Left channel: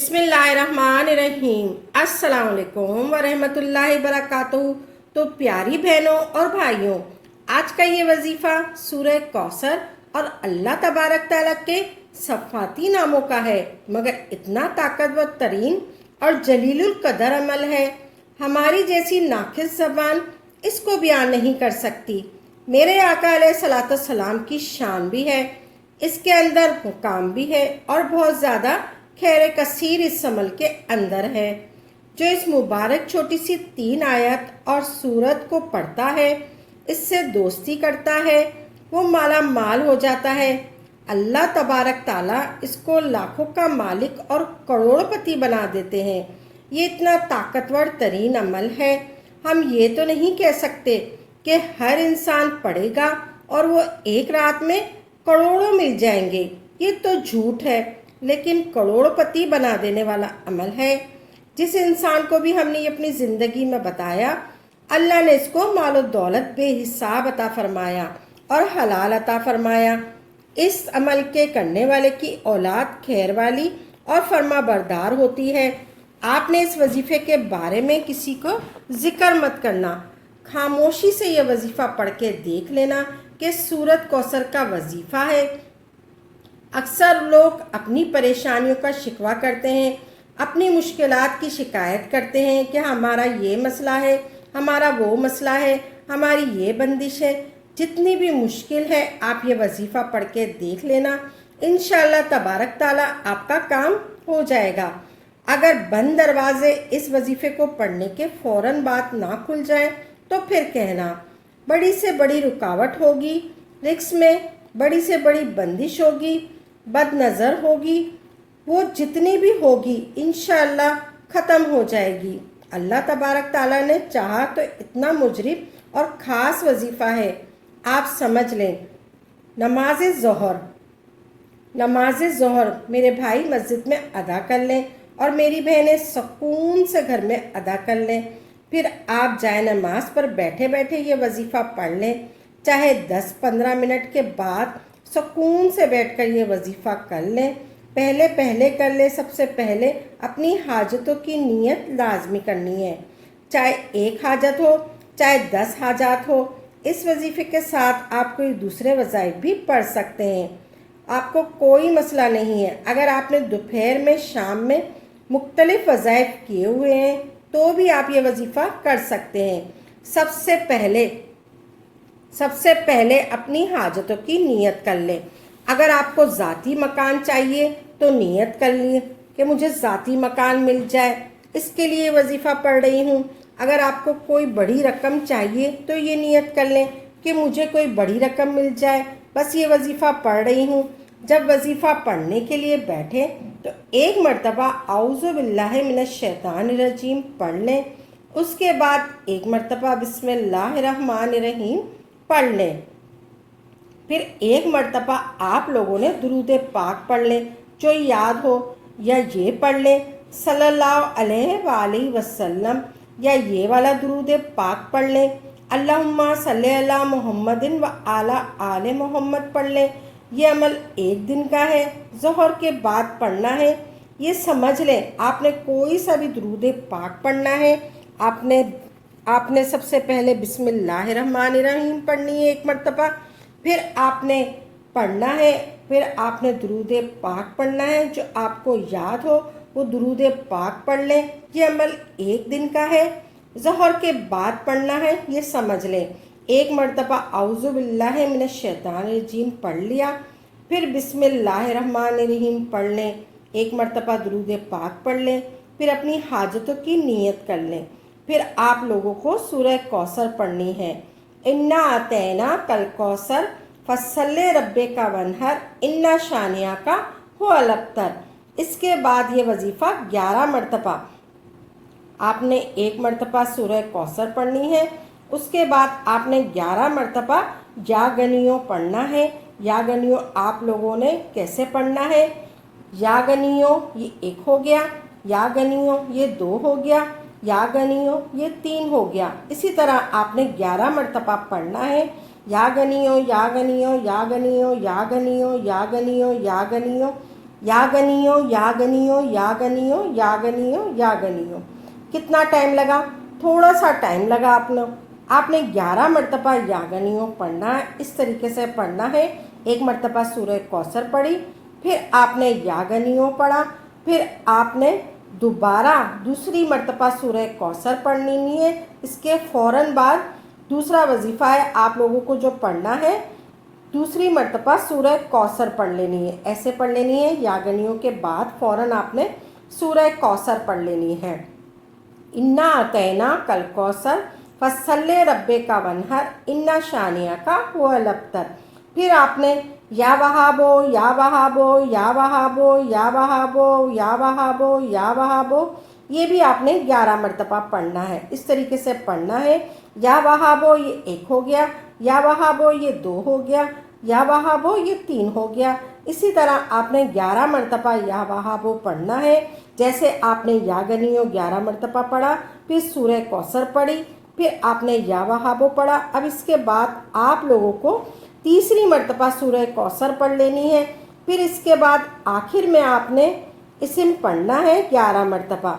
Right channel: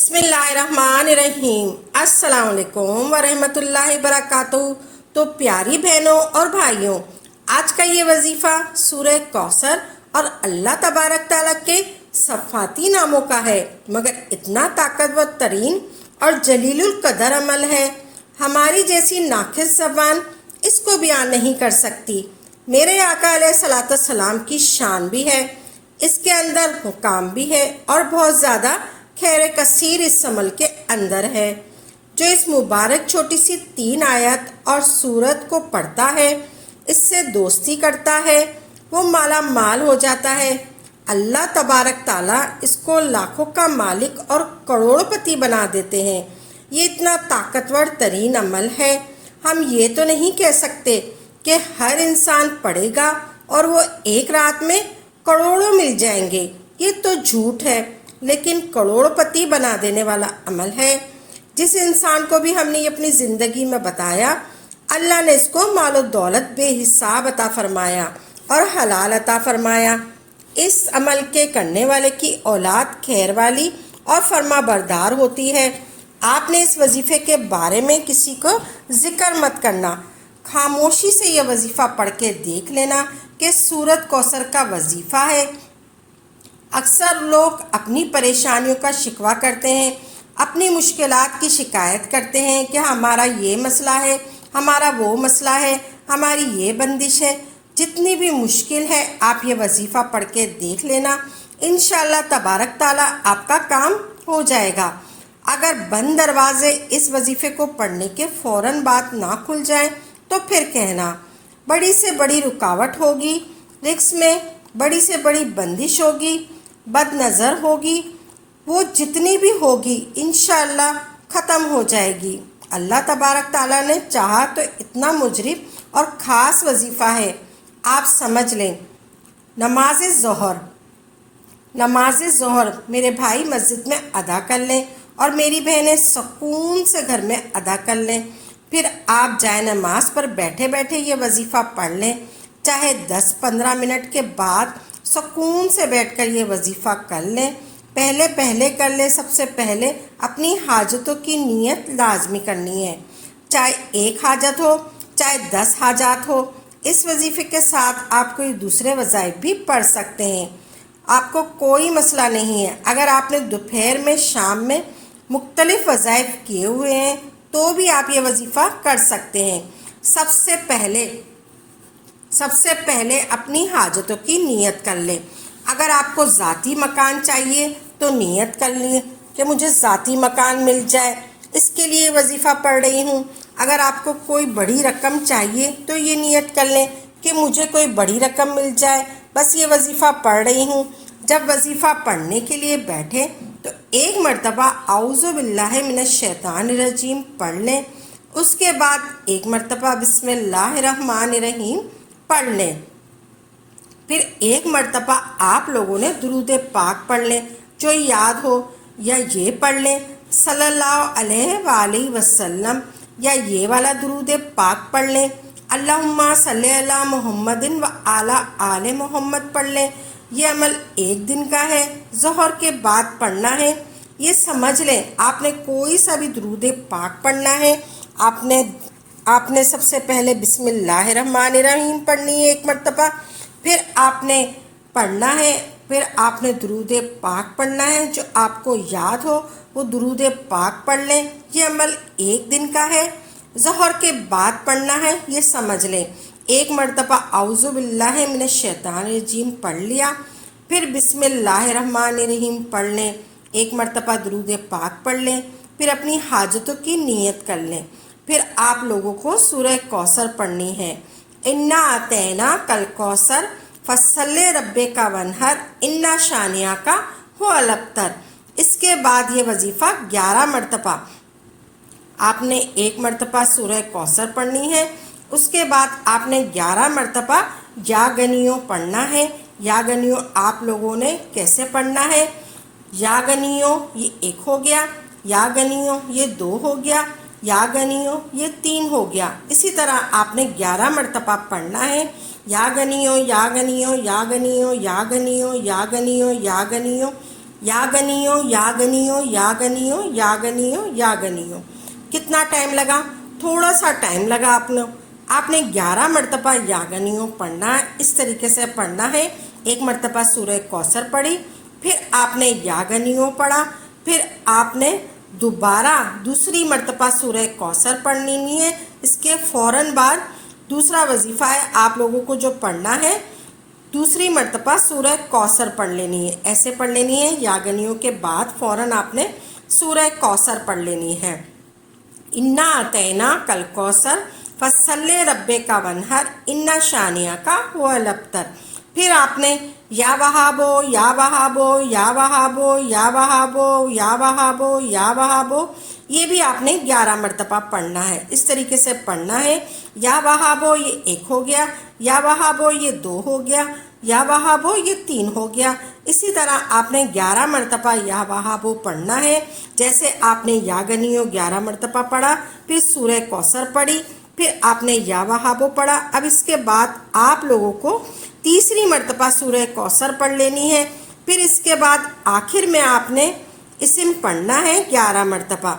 बिस्मिल्लाहिर्रहमानिर्रहीम। अस्सलाम वालेकुम वरहमतुल्लाहि वबरकातुहू। तो प्यारी बहनों और भाइयों, आज का ये वजीफ़ा सूरह कौसर और अल्लाह तबारक ताला के सफ़ाती नामों का है, मगर इतना ताकतवर तरीन और जलीलुल कदर अमल है, हमारी जैसी नाक़िस ज़बान इसको बयान नहीं कर सकती। मेरे आका अलैहिस्सलातु वस्सलाम की शान भी है, इसके अंदर हुकाम भी है और बहुत ज़्यादा खैर कसीर इस अमल के अंदर है। जो इस मुबारक छोटी सी 3 आयत और सूरत को पढ़ता है, इससे दोस्ती करता है, वो माला माल हो जाता है। अल्लाह तबारक ताला इसको लाखों का मालिक और करोड़पति बना देते हैं। ये इतना ताकतवर तरीन अमल है, हम ये तो नहीं कह सकते कि हर इंसान पढ़ेगा और वो एक रात में करोड़ों मिल जाएंगे, ये तो झूठ है। लेकिन करोड़पति बना देने वाला अमल है। जिस इंसान को भी हमने अपनी ज़िंदगी में बताया, अल्लाह ने इसको मालो दौलत बेहिसाब अता फरमाया और हलाल अता फरमाया। इस अमल के करने वाले की औलाद खैर वाली और फर्मा बरदार होती है। आपने इस वजीफ़े के बारे में किसी को ज़िक्र मत करना, खामोशी से यह वजीफ़ा पढ़ के देख लेना कि सूरत कौसर का वजीफ़ा है। अक्सर लोग अपनी परेशानियों का शिकवा करते हैं, अपनी मुश्किलात की शिकायत करते हैं कि हमारा ये मसला है, हमारा वो मसला है, हमारी ये बंदिश है। जितनी भी मुश्किल है आप ये वजीफ़ा पढ़ के देख लेना, इंशाअल्लाह तबारक ताला आपका काम हो जाएगा। अगर बंद दरवाजे इस वजीफ़े को पढ़ने के फ़ौरन बात ना खुल जाए तो फिर कहना, बड़ी से बड़ी रुकावट होगी, रिस्क में बड़ी से बड़ी बंदिश होगी, बदनज़र होगी, वो जितनी भी होगी इंशाअल्लाह ख़त्म हो जाएगी। अल्लाह तबारक ताला ने चाहा तो इतना मुजरिब और ख़ास वजीफ़ा है, आप समझ लें। नमाज ज़ोहर मेरे भाई मस्जिद में अदा कर लें और मेरी बहनें सुकून से घर में अदा कर लें। फिर आप जाए नमाज पर बैठे बैठे ये वजीफ़ा पढ़ लें, चाहे 10-15 मिनट के बाद सुकून से बैठकर ये वजीफ़ा कर लें। पहले कर लें। सबसे पहले अपनी हाजतों की नीयत लाजमी करनी है, चाहे 1 हाजत हो चाहे 10 हाजात हो। इस वजीफ़े के साथ आप कोई दूसरे वज़ाइफ भी पढ़ सकते हैं, आपको कोई मसला नहीं है। अगर आपने दोपहर में शाम में मुख्तलिफ वज़ाइफ किए हुए हैं तो भी आप ये वजीफ़ा कर सकते हैं। सबसे पहले अपनी हाजतों की नीयत कर लें। अगर आपको ज़ाती मकान चाहिए तो नीयत कर लीजिए कि मुझे ज़ाती मकान मिल जाए, इसके लिए वजीफ़ा पढ़ रही हूँ। अगर आपको कोई बड़ी रकम चाहिए तो ये नीयत कर लें कि मुझे कोई बड़ी रकम मिल जाए, बस ये वजीफ़ा पढ़ रही हूँ। जब वजीफ़ा पढ़ने के लिए बैठे तो एक मरतबा औज़ु बिल्लाहि मिनश शैतानिर रजीम पढ़ लें। उसके बाद एक मरतबा बिस्मिल्लाहिर्रहमानिर्रहीम पढ़ लें। फिर एक मरतबा आप लोगों ने दुरूद पाक पढ़ लें, जो याद हो, या ये पढ़ लें सल्लल्लाहु अलैहि वसल्लम, या ये वाला दुरूद पाक पढ़ लें अल्लाहुम्मा सल्ली अला मुहम्मदिन व आला आले मोहम्मद पढ़ लें। ये अमल 1 दिन का है, ज़ोहर के बाद पढ़ना है। ये समझ लें, आपने कोई सा भी दुरूद पाक पढ़ना है। आपने सबसे पहले बिस्मिल्लाहिर्रहमानिर्रहीम पढ़नी है 1 मरतबा, फिर आपने पढ़ना है, फिर आपने दुरूद पाक पढ़ना है। जो आपको याद हो वो दुरूद पाक पढ़ लें। ये अमल 1 दिन का है, ज़ोहर के बाद पढ़ना है, ये समझ लें। 1 मरतबा औज़ु बिल्लाहि मिनश शैतानिर रजीम पढ़ लिया, फिर बिस्मिल्लाहिर्रहमानिर्रहीम पढ़ लें, 1 मरतबा दुरूद पाक पढ़ लें, फिर अपनी हाजतों की नीयत कर लें। फिर आप लोगों को सूरह कौसर पढ़नी है। इन्ना आतैना कल कौसर फसल्ले रब्बे का वनहर इन्ना शानिया का हुवल अब्तर। इसके बाद ये वजीफ़ा 11 मरतबा आपने 1 मरतबा सूरह कौसर पढ़नी है। उसके बाद आपने 11 मरतबा या गनियों पढ़ना है। या गनियों आप लोगों ने कैसे पढ़ना है? या गनियों ये 1 हो गया, या गनियों ये 2 हो गया, या गनियों ये 3 हो गया। इसी तरह आपने 11 मरतबा पढ़ना है। या गनियों, या गनियों, या गनियों, या गनियों, या गनियों, या गनियों। या गनियो या गनियो या गनियो या गनियो या गनियो। कितना टाइम लगा? थोड़ा सा टाइम लगा। आपने 11 मरतबा या गनियो पढ़ना है। इस तरीके से पढ़ना है। एक मरतबा सूरह कौसर पढ़ी, फिर आपने या गनियो पढ़ा, फिर आपने दोबारा दूसरी मरतबा सूरह कौसर पढ़नी है। इसके फ़ौरन बाद दूसरा वजीफ़ा है, आप लोगों को जो पढ़ना है दूसरी मरतबा सूरह कौसर पढ़ लेनी है। ऐसे पढ़ लेनी है, या गनियों के बाद फ़ौरन आपने सूरह कौसर पढ़ लेनी है। इन्ना अतैना कल कौसर फसल्ले रब्बे का वनहर इन्ना शानिया का हुवल अब्तर। फिर आपने या वहाबो या वहाबो या वहाबो या वहाबो या वहाबो या वहाबो, ये भी आपने 11 मरतबा पढ़ना है। इस तरीके से पढ़ना है। या वहाबो ये 1 हो गया, या वहाबो ये 2 हो गया, या वहाबो ये 3 हो गया। इसी तरह आपने 11 मरतबा या वहाबो पढ़ना है। जैसे आपने या गनियो 11 मरतबा पढ़ा, फिर सूरह कौसर पढ़ी, फिर आपने या वहाबो पढ़ा। अब इसके बाद आप लोगों को तीसरी मरतबा सूरह कौसर पढ़ लेनी है। फिर इसके बाद आखिर में आपने इस्म पढ़ना है 11 मरतबा।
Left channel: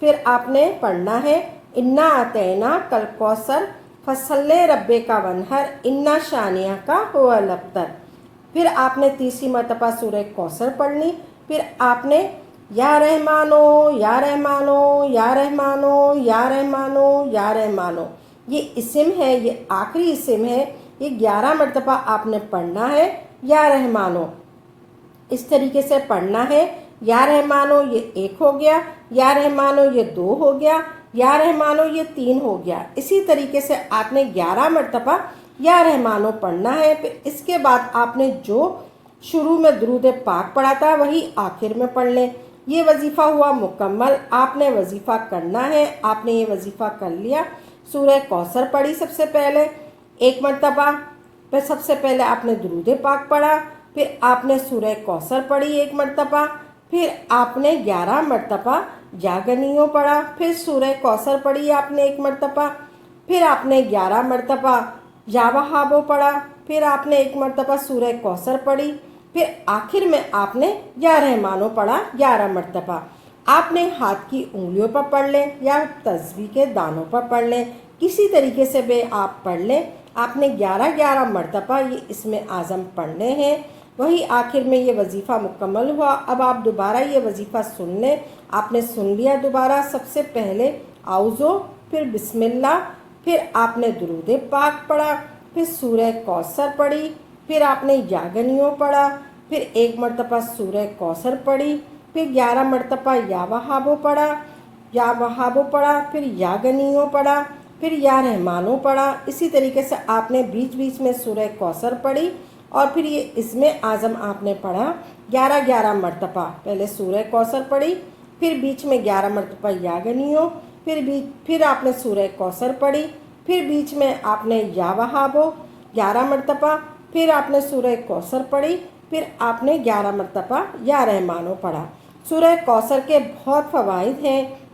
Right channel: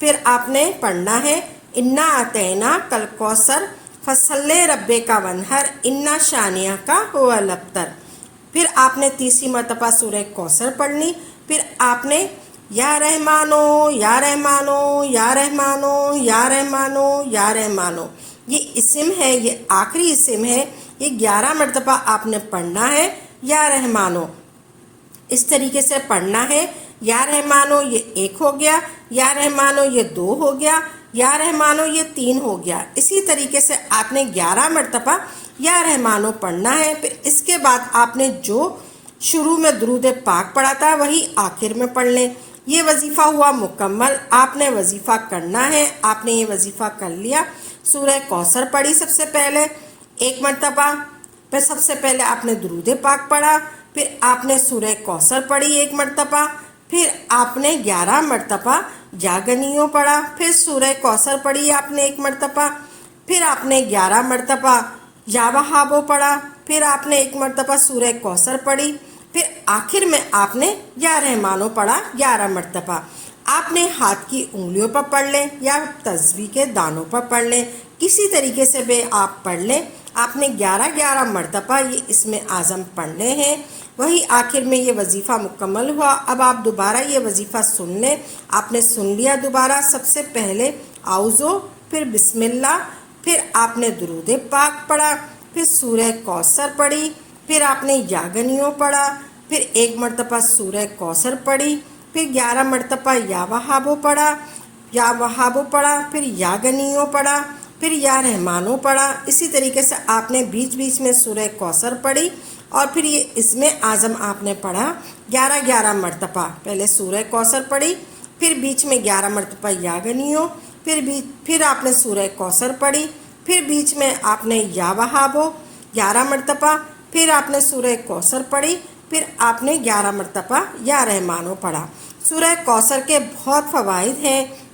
फिर आपने पढ़ना है इन्ना अतैना कल कौसर फसल्ले रब्बे का वनहर इन्ना शानिया का हुवल अब्तर। फिर आपने तीसरी मरतबा सूरह कौसर पढ़नी। फिर आपने या रहमानो या रहमानो या रहमानो या रहमानो या रहमानो, ये इस्म है, ये आखिरी इस्म है, ये 11 मरतबा आपने पढ़ना है। या रहमानो इस तरीके से पढ़ना है। या रहमानो ये 1 हो गया, या रहमानो ये 2 हो गया, या रहमानो ये 3 हो गया। इसी तरीके से आपने 11 मरतबा या रहमानो पढ़ना है। फिर इसके बाद आपने जो शुरू में दुरूद पाक पढ़ा था वही आखिर में पढ़ लें। ये वजीफ़ा हुआ मुकम्मल। आपने वजीफ़ा करना है। आपने ये वजीफ़ा कर लिया। सूरह कौसर पढ़ी सबसे पहले 1 मरतबा, फिर सबसे पहले आपने दुरूद पाक पढ़ा, फिर आपने सूरह कौसर पढ़ी 1 मरतबा, फिर आपने 11 मरतबा या गनियो पढ़ा, फिर सूरह कौसर पढ़ी आपने 1 मरतबा, फिर आपने 11 मरतबा या वहाबो पढ़ा, फिर आपने 1 मरतबा सूरह कौसर पढ़ी, फिर आखिर में आपने या रहमानो पढ़ा 11 मरतबा। आपने हाथ की उंगलियों पर पढ़ लें या तस्बीह के दानों पर पढ़ लें, किसी तरीके से भी आप पढ़ लें। आपने 11 मरतबा ये इसमें आज़म पढ़ने हैं। वही आखिर में ये वजीफ़ा मुकम्मल हुआ। अब आप दोबारा ये वजीफ़ा सुन लें। आपने सुन लिया दोबारा। सबसे पहले आउज़ो, फिर बिस्मिल्लाह, फिर आपने दुरूद पाक पढ़ा, फिर सूरह कौसर पढ़ी, फिर आपने या गनियो पढ़ा, फिर 1 मरतबा सूरह कौसर पढ़ी, फिर 11 मरतबा या वहाबो पढ़ा, फिर या गनियो पढ़ा, फिर या रहमानो पढ़ा। इसी तरीके से आपने बीच बीच में सूरह कौसर पढ़ी और फिर ये इसमें आज़म आपने पढ़ा 11 मरतबा। पहले सूरह कौसर पढ़ी, फिर बीच में 11 मरतबा या गनियो, फिर आपने सूरह कौसर पढ़ी, फिर बीच में आपने या वहाबो 11 मरतबा, फिर आपने सूरह कौसर पढ़ी, फिर आपने 11 मरतबा या रहमानो पढ़ा। सूरह कौसर के बहुत फ़वाइद हैं।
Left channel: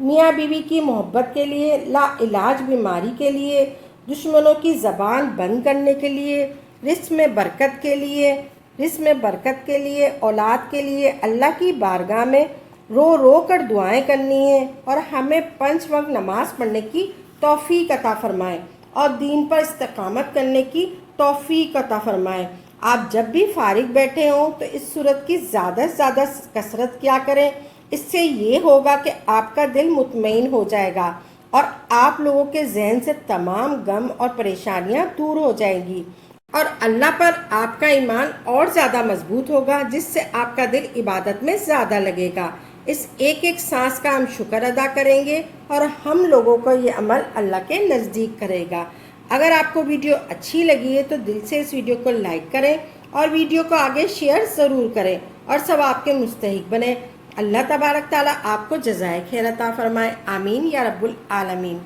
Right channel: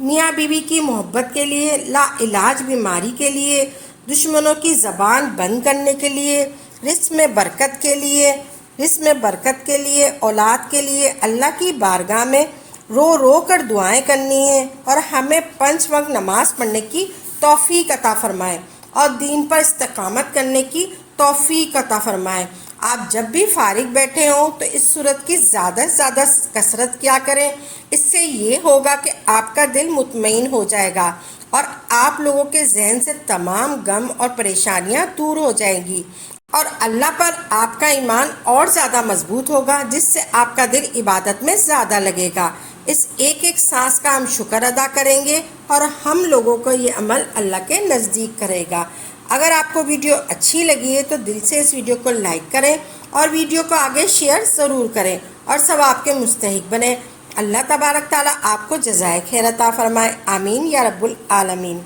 मियाँ बीवी की मोहब्बत के लिए, ला इलाज बीमारी के लिए, दुश्मनों की ज़बान बंद करने के लिए, रिज़्क़ में बरकत के लिए, औलाद के लिए अल्लाह की बारगाह में रो रो कर दुआएं करनी है और हमें 5 वक्त नमाज पढ़ने की तौफीक अता फरमाए और दीन पर इस्तकामत करने की तौफीक अता फरमाए। आप जब भी फारिग बैठे हों तो इस सूरत की ज़्यादा से ज़्यादा कसरत किया करें। इससे ये होगा कि आपका दिल मुतमईन हो जाएगा और आप लोगों के जहन से तमाम गम और परेशानियां दूर हो जाएंगी और अल्लाह पर आपका ईमान और ज़्यादा मजबूत होगा, जिससे आपका दिल इबादत में ज़्यादा लगेगा। इस एक एक सांस का हम शुक्र अदा करेंगे और हम लोगों को ये अमल अल्लाह के नज़दीक करेगा। अगर आपको वीडियो अच्छी लगी है तो दिल से इस वीडियो को लाइक करें और वीडियो को आगे शेयर ज़रूर करें और सवाब के मुस्तहिक बने। अल्लाह तबारक ताला आपको जज़ाए खैर अता फरमाए। आमीन या रब्बुल आलमीन।